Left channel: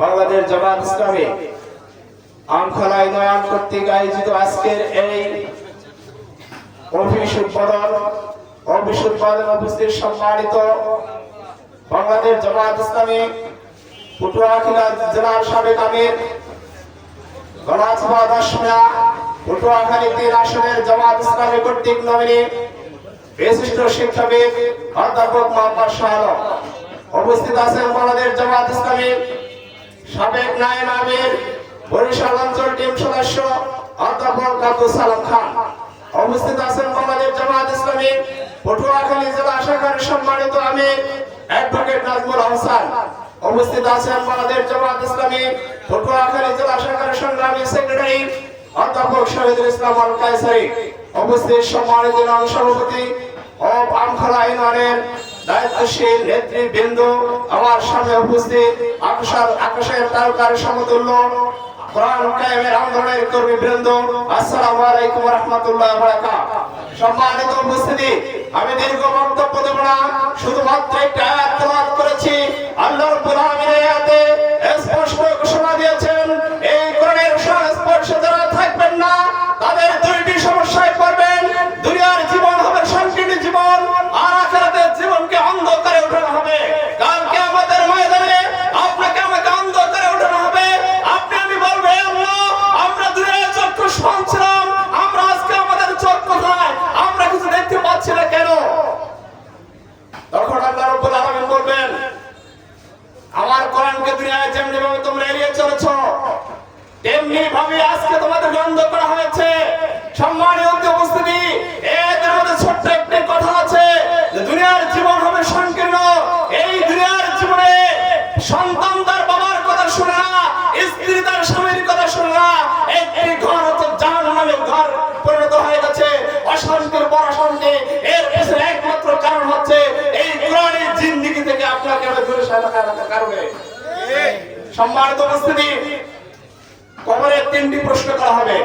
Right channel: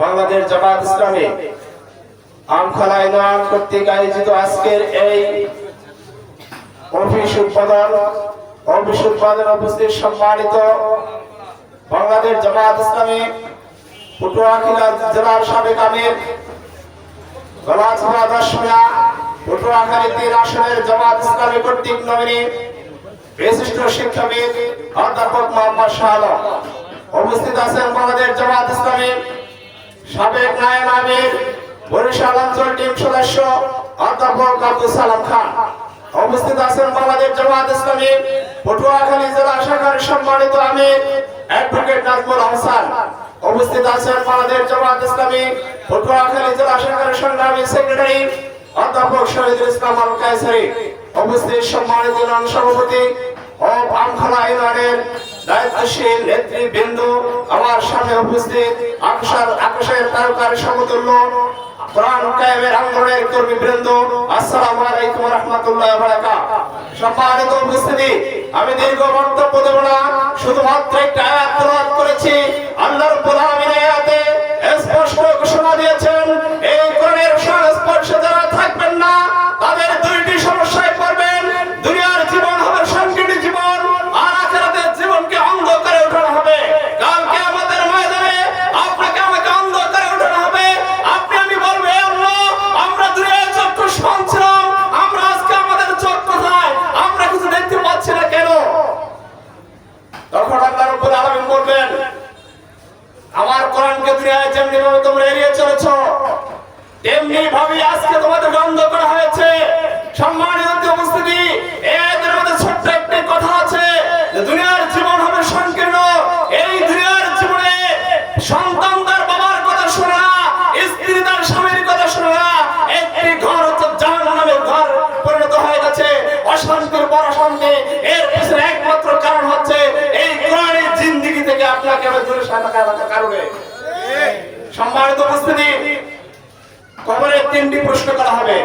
Bangladesh Jamaat Islami আমখালা union কর্তৃক আয়োজিত আজকের এই অফিস উদ্বোধন অফিস উদ্বোধন উপস্থিত সম্মানিত বাংলাদেশ জামাত ইসলামী, পটুয়াখিলা জেলার সাবেক আমির গলাছড়া দশমিয়া পটুয়াখালী তিন আসনের জামাত ইসলামী কর্তৃক নমিনী বিশিষ্ট শিক্ষাবিদ, অধ্যাপক মোহাম্মদ শাহ। উপস্থিত আছেন বাংলাদেশ জামাত সাবেক নায়েব আমির, বরিশাল অঞ্চল টিম সদস্য অধ্যাপক আব্দুল সালাম খান। উপস্থিত আছেন বাংলাদেশ জামাত ইসলামী, পটুয়াখালী জেলা শাখার সম্মানিত আমির অ্যাডভোকেট নাজমুল হাসান উপস্থিত আছেন বাংলাদেশ জামাত ইসলামী, পটুয়াখালী জেলা শাখার সংগ্রামী সেক্রেটারি অধ্যাপক শহীদুল ইসলাম আল কায়সারি উপস্থিত সম্মানিত সভাপতি ও আমখলা ইউনিয়নের দায়িত্বশীল নেতৃবৃন্দ আমার সামনে উপস্থিত আকাশের তারকার সমতুল্য আমি দীর্ঘ বক্তব্য দেব না, শুধুমাত্র একটা আয়াত করেছি। আল্লাহ রাব্বুল কোরআনকে যেমনি ভাবে তোমরা এড়িয়ে চলেছ, তেমনি ভাবে আজকে তোমাদের বন্ধ করা হয়েছে। সম্মানিত উপস্থিতি, এদের মধ্যে ছোট্ট একটি কথা আছে দুনিয়ার জীবন হবে সংকীর্ণ। এই দুনিয়ার জীবনে সন্তান তার বাবার কথা শুনে না, স্ত্রী তার স্বামীর কথা শুনে না। একটি ঘর হচ্ছে জাহান্নামের ঘর, পরিণত হয়ে গেছে অশান্তির পর অশান্তি এর পিছনে একমাত্র কারণ হচ্ছে এই কোরআনের জিন্দিগি থেকে আপনাকে দূরে সরানোর কারণে। সম্মানিত উপস্থিতি কবরে তিনটি প্রশ্ন করা হবে।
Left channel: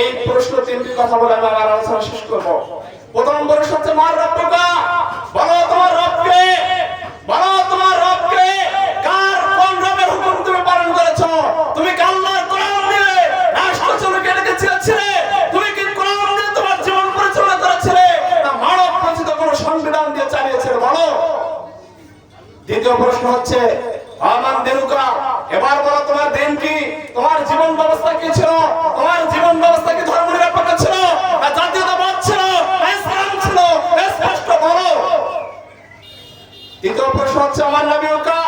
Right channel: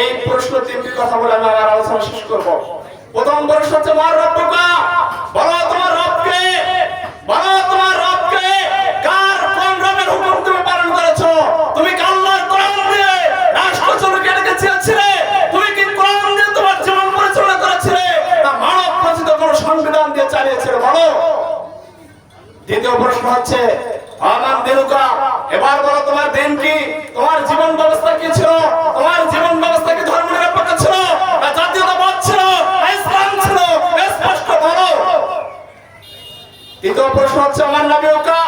এই প্রশ্ন তিনটি কথা বলে আমি আমার আলোচনা শেষ করব। প্রথম প্রশ্ন হচ্ছে, মার রব্বকা বলো, তোমার রবকে? বলো, তোমার রবকে? কার কোন রবের হুকুম তুমি পালন করেছ? তুমি কি আল্লাহর কোরআন দিয়ে রাষ্ট্র চলকে এটাকে চেয়েছিলে? তুমি কি কোরআন দিয়ে তোমার জীবন পরিচালনা করেছিলে? না মানব রচিত কোনো সংবিধান দিয়ে চালিয়েছিলে, বলো। দ্বিতীয় প্রশ্ন হচ্ছে এবার বলো, তোমার দিন কি? তোমার জীবন ব্যবস্থা কি ছিল? তোমার জীবন ব্যবস্থা কি ধর্ম নিরপেক্ষ ছিল? না জাতীয়তাবাদ ছিল? না ইসলাম ছিল? স্পষ্ট বলো। তৃতীয় প্রশ্ন হচ্ছে, আমার নবীকা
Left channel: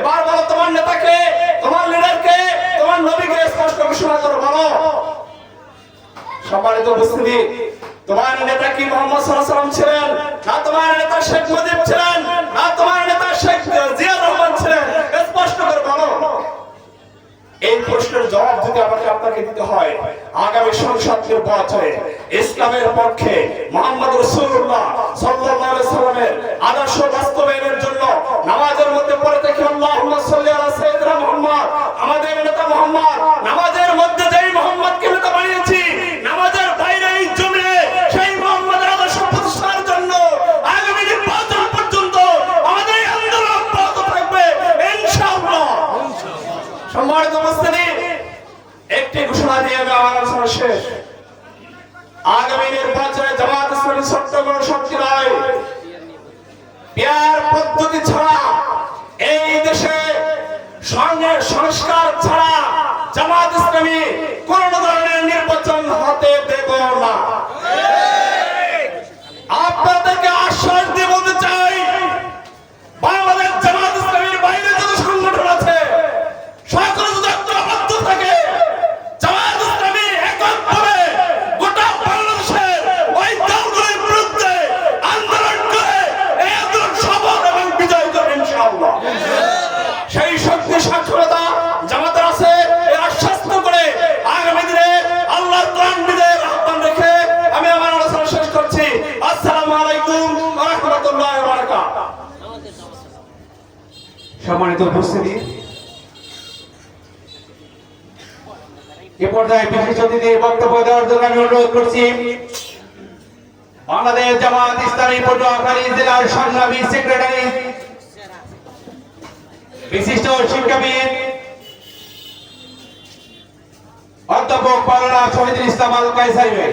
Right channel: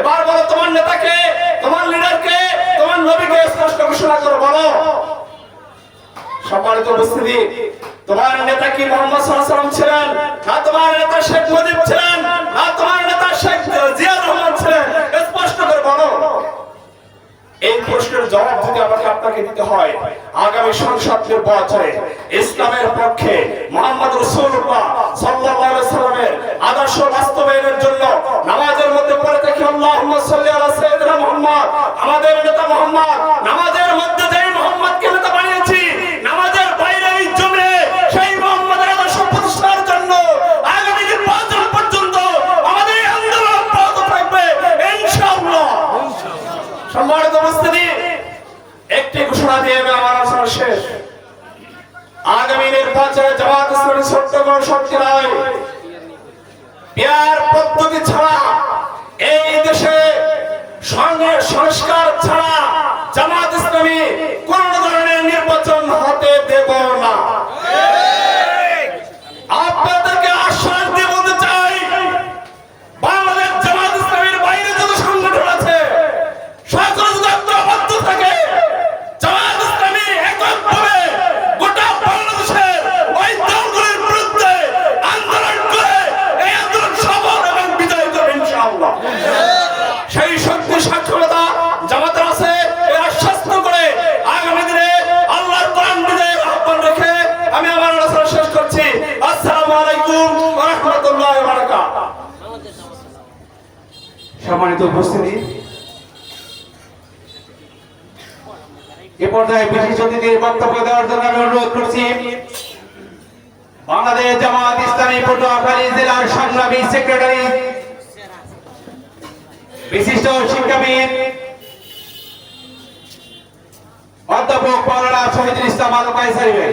এবার বলো, তোমার নেতাকে, তোমার লিডারকে, তোমার নবীকে স্পষ্ট ঘোষণা করো, বলো। সম্মানিত উপস্থিতি, তোমার নেতা কি মোহাম্মদ সাল্লাল্লাহু আলাইহি ছিলেন? না তোমার নেতা শেখ মুজিব ছিলেন? না তোমার নেতা শেখ জিয়া রহমান ছিলেন স্পষ্ট করে বলো এই প্রশ্নের আমাকে আপনাকে দিতে হয়। আগামী সংসদ নির্বাচনে ইসলামের পক্ষে মোহাম্মদ রাসূলুল্লাহ সাল্লাল্লাহু আলাইহি সাল্লামের আদর্শ বাস্তবায়নের জন্য নামাজের মধ্যে পড়ে দেখি, আল্লাহুম্মা সাল্লি আলা সাইয়্যিদিনা আমাদের নেতা মুহাম্মদ, নামাজের মধ্যে যেই মুহাম্মদকে নেতা বানিয়েছি, নামাজের বাইরে এই জমিনে সেই মুহাম্মদের আদর্শ প্রতিষ্ঠার জন্য আগামী নির্বাচন পর্যন্ত আমাদের আন্দোলন অব্যাহত থাকবে, ইনশাআল্লাহ। সম্মানিত উপস্থিতি একটি ঘোষণা দিয়ে আমি আমার আলোচনা শেষ। আগামী নির্বাচনে জামাত ইসলামী ছোট্ট শক্তি নয়। পেয়ার পদ্ধতি ছাড়া, এই দেশে সঙ্গে সংস্কার ছাড়া জামাত ইসলামী কোন ধরনের নির্বাচন আলাইকুম ওয়া রাহমাতুল্লাহি ওয়া বারাকাতুহু। সম্মানিত উপস্থিতি। এ পর্যায়ে বিশেষ অতিথির বক্তব্য দেওয়ার জন্য আমি অনুরোধ করছি, বাংলাদেশ জামাত ইসলামী পটুয়াখালী জেলার সংগ্রামী সেক্রেটারি, বিশিষ্ট শিক্ষাবিদ, অধ্যাপক মৌলানা শহীদুল ইসলাম আল কায়সারি ভাই।